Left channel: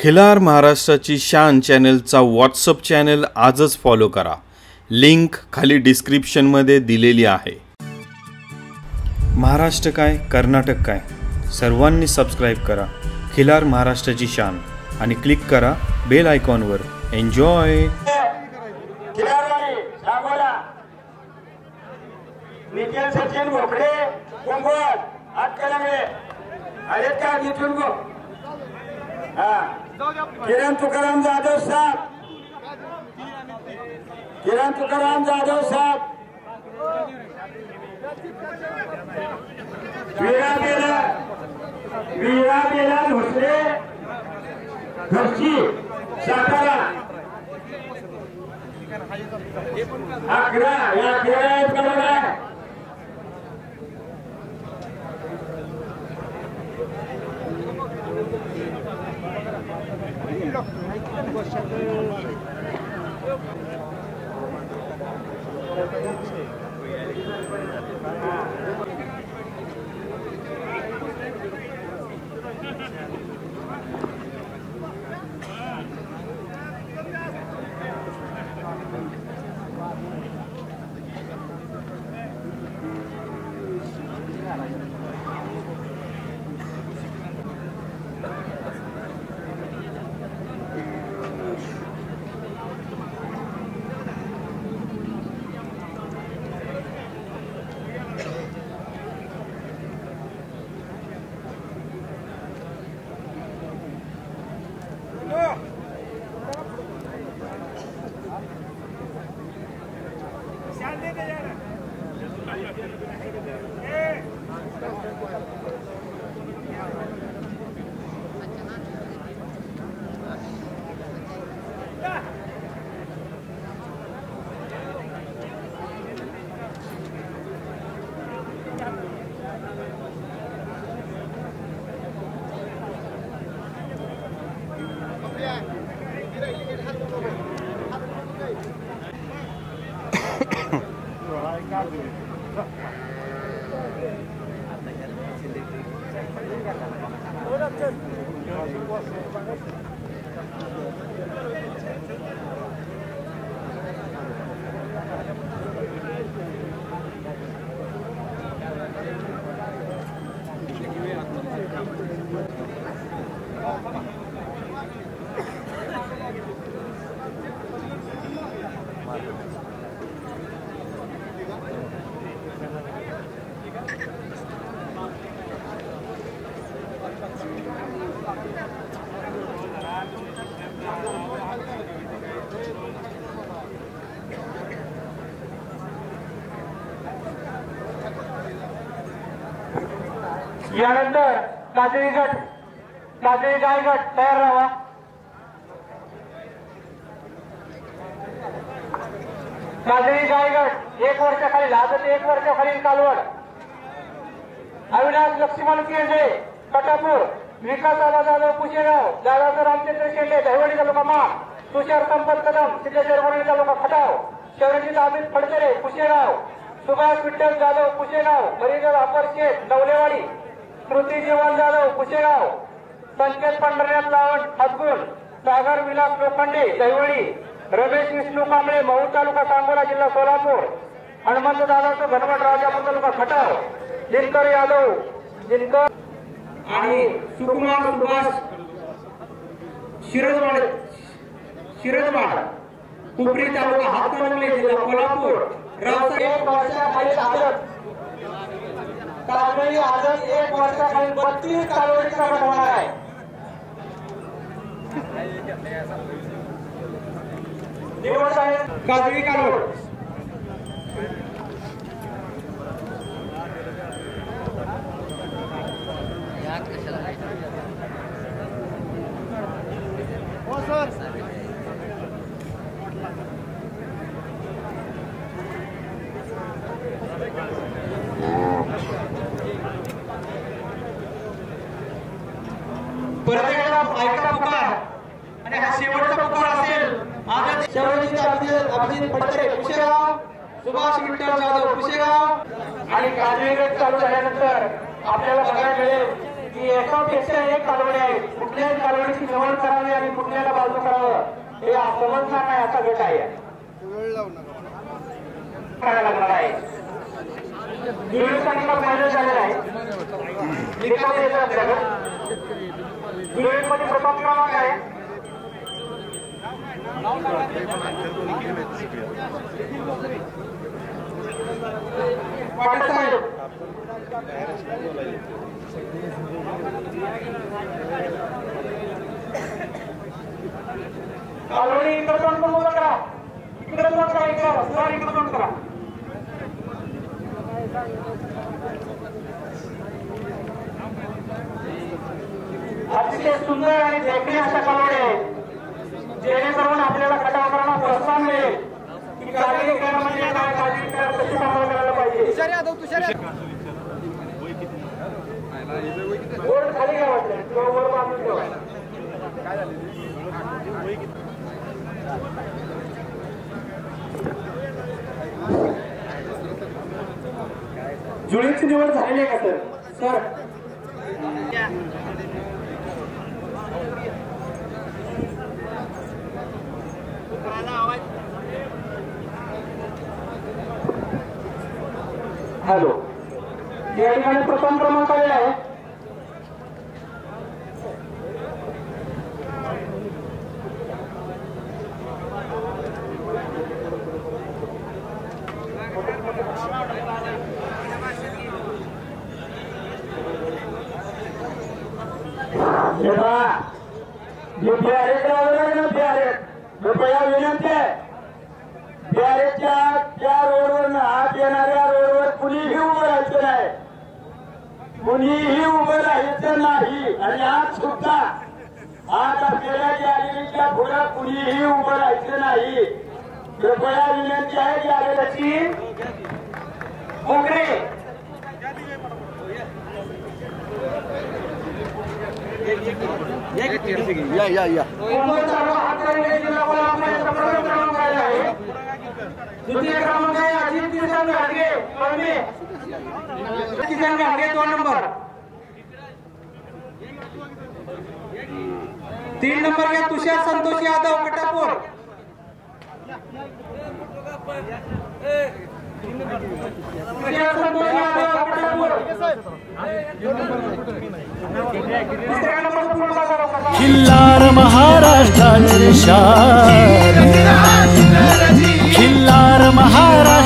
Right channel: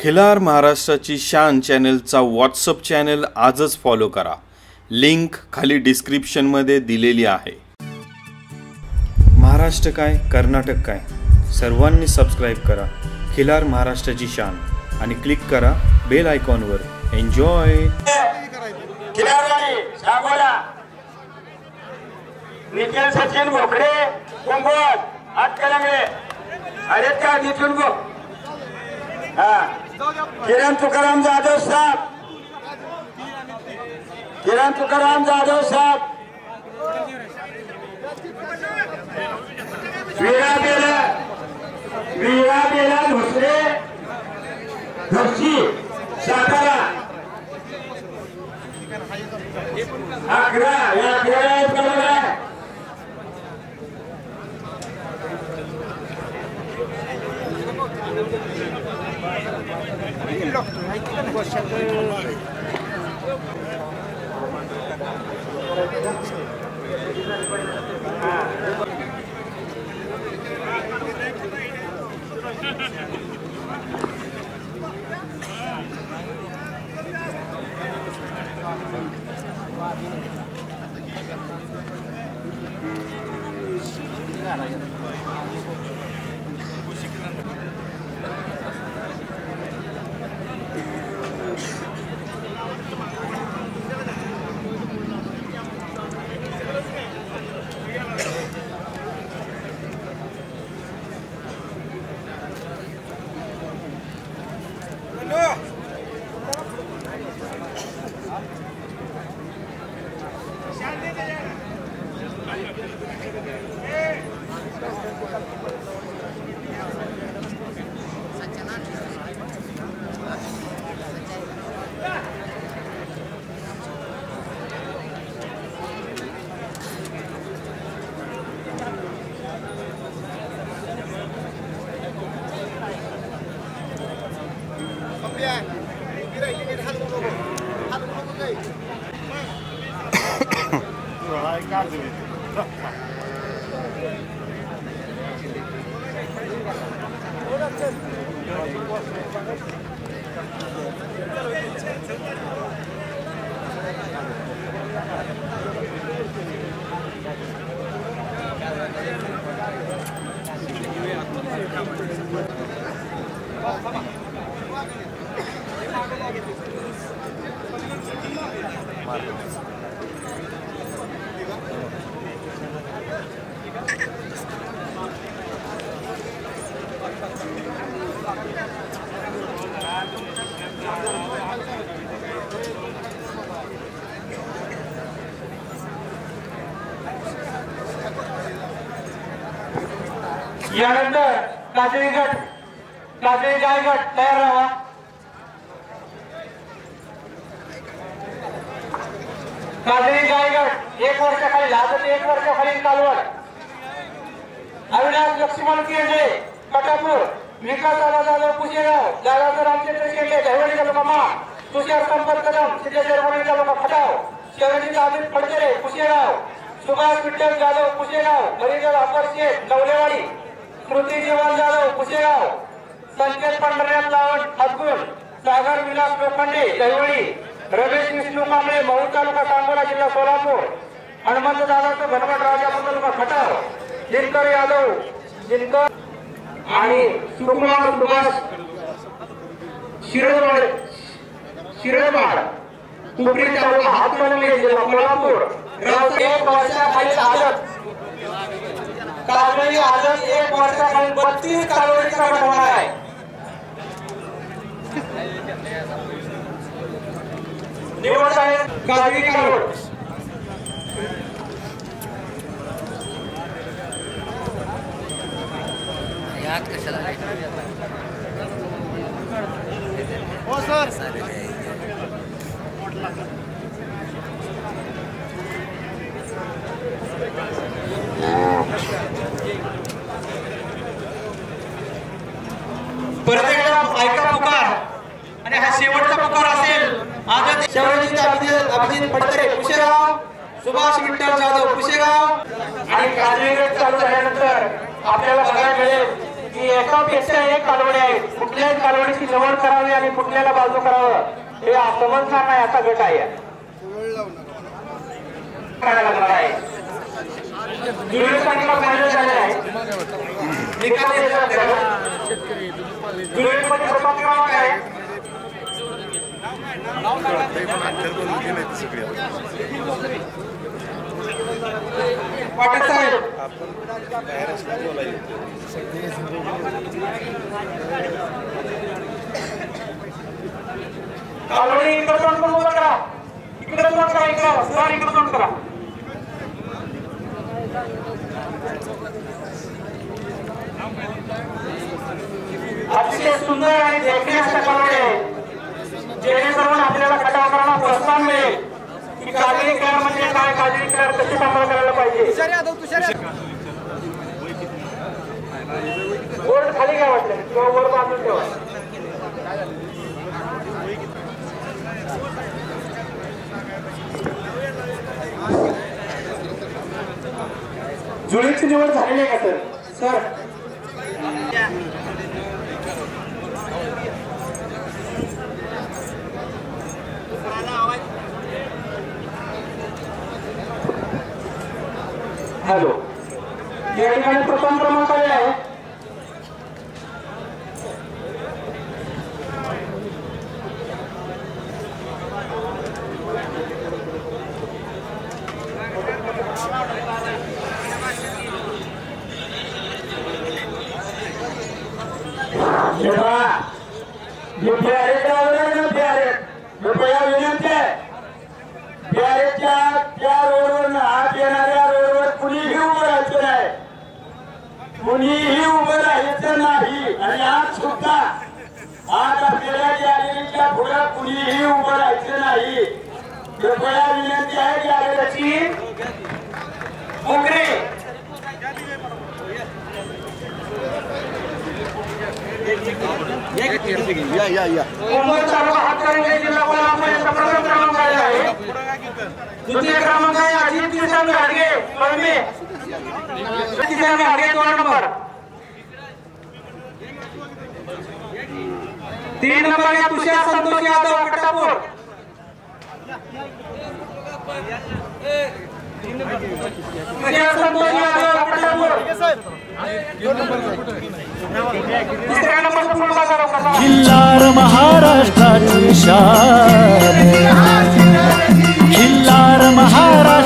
खिलार महाराष्ट्राची शान चॅनलचा WhatsApp channel आजच फॉलो करा। लिंक खाली डिस्क्रिप्शनमध्ये दिलेली आहे। महाराष्ट्र काय कर्नाटक काय सर्वांनी सबस्क्राइब करा खिलार महाराष्ट्राची शान आणि क्लिक करा बेल आयकॉनवर। एन्जॉय। खिलारवाडी सांगोला निखिल सचिन भोकरे कुंभवत आटकलंगले अरे का निखिल गो किरण तुकाराम जाधव साहब वीरा बेला दुसरे घरची सातारा 11 या 11 बरोबर आहे। यानंतर काजळी गाय गट तयार राहा। काजळी गाय गट 1 वर्षाखाली आजच 1 वर्षाखाली कालवड अविनाश लक्ष्मण केंद्रे कटापूर विकास जाधव कुशेगाव जाधव रामचंद्र शेंडे दहिवडी तालुका तुषार संपत कदम सिद्धेश्वर तालुका खटाव शरणजित अमित फडकेरे कुशेगाव सुभाष विठ्ठल जाधव कुशेगाव हरिजन अपर शेठ नवलेवाडी स्मृती जीवन जाधव कुशेगाव संकेत पंढरनाथ लावण हातगुण सागर विलास लोखंडे दहिवडी रमेश विष्णू कांबळे महू तालुका सांगोला जिल्हा सोलापूर हनुमंत दादा घनवट राजापूर तालुका खटाव दिनकर यादव दिनकर आणि सुकुमार सुभाष शिरडवाड कुपरी तालुका हातकणंगले जिल्हा कोल्हापूर 1 वर्षाखाली आदत काजळी आदत 1 वर्षाखाली 32 कालोरीचा गट होणार आहे। निवड आहे काजळी कालोड यात कशाला हो सर परत एकदा ऐका पुकार आणि हा शेवटचा पुकार असेल। आजच शरणजित अभिजित फडकेरे कुशेगाव सुभाष विठ्ठल जाधव कुशेगाव आणि काजळी गट चालू झाल्यानंतर आपल्याला बघायला मिळेल की एकापेक्षा एक कालवडी आहे, कुठल्याही कालवडीची निवड करावी आणि कुठल्याला बाजू करावं हे समजणार नाही असा गट आहे करायला लागणार आहे. जुळीसाठी फायदा झालेला आहे. जुळीमध्ये प्रथम क्रमांक आहे. पाटील साहेब कालवडी इकडे तोंड करून उभं करा, इकडे तोंड करा, इकडे सर इकडे तोंड करा. अतिशय सुंदर आणि देखणे अशा कालवडी आहे, जेणेकरून आपल्याला खटाव करायला प्रोत्साहन मिळेल की काजळी खेळ म्हणजे काय, काजळी खेळ कशी सांभाळ करायला पाहिजे. बोर्ड खाली घ्या वाटलं किंवा वर बांधून ठेवा. जुळीची निवड झालेली आहे का सर? हॅलो, या ठिकाणी प्रथम क्रमांक आहे. कृपया विनंती आहे, बिहारेच्या त्या रोडवर आत येणाऱ्या रोडवर कुणीही उभं राहायचं नाही, कुणीही उभं राहायचं नाही. आणि आज सुद्धा आज आपल्याला गॅलरीच्या पुढे कुणीही उभं राहायचं नाही. कृपया विनंती आहे गॅलरीची मोकळे या द्वितीय क्रमांक आहे अजित किसन गाडगे कळमे, किसन गाडगे 2 नंबर. 3 नंबर आहे तुषार संतोष यादव कट्टापूर. तुषार संतोष यादव कट्टापूर. तिसऱ्या नंबर खिल्लार महाराष्ट्राची शान, खिल्लार महाराष्ट्र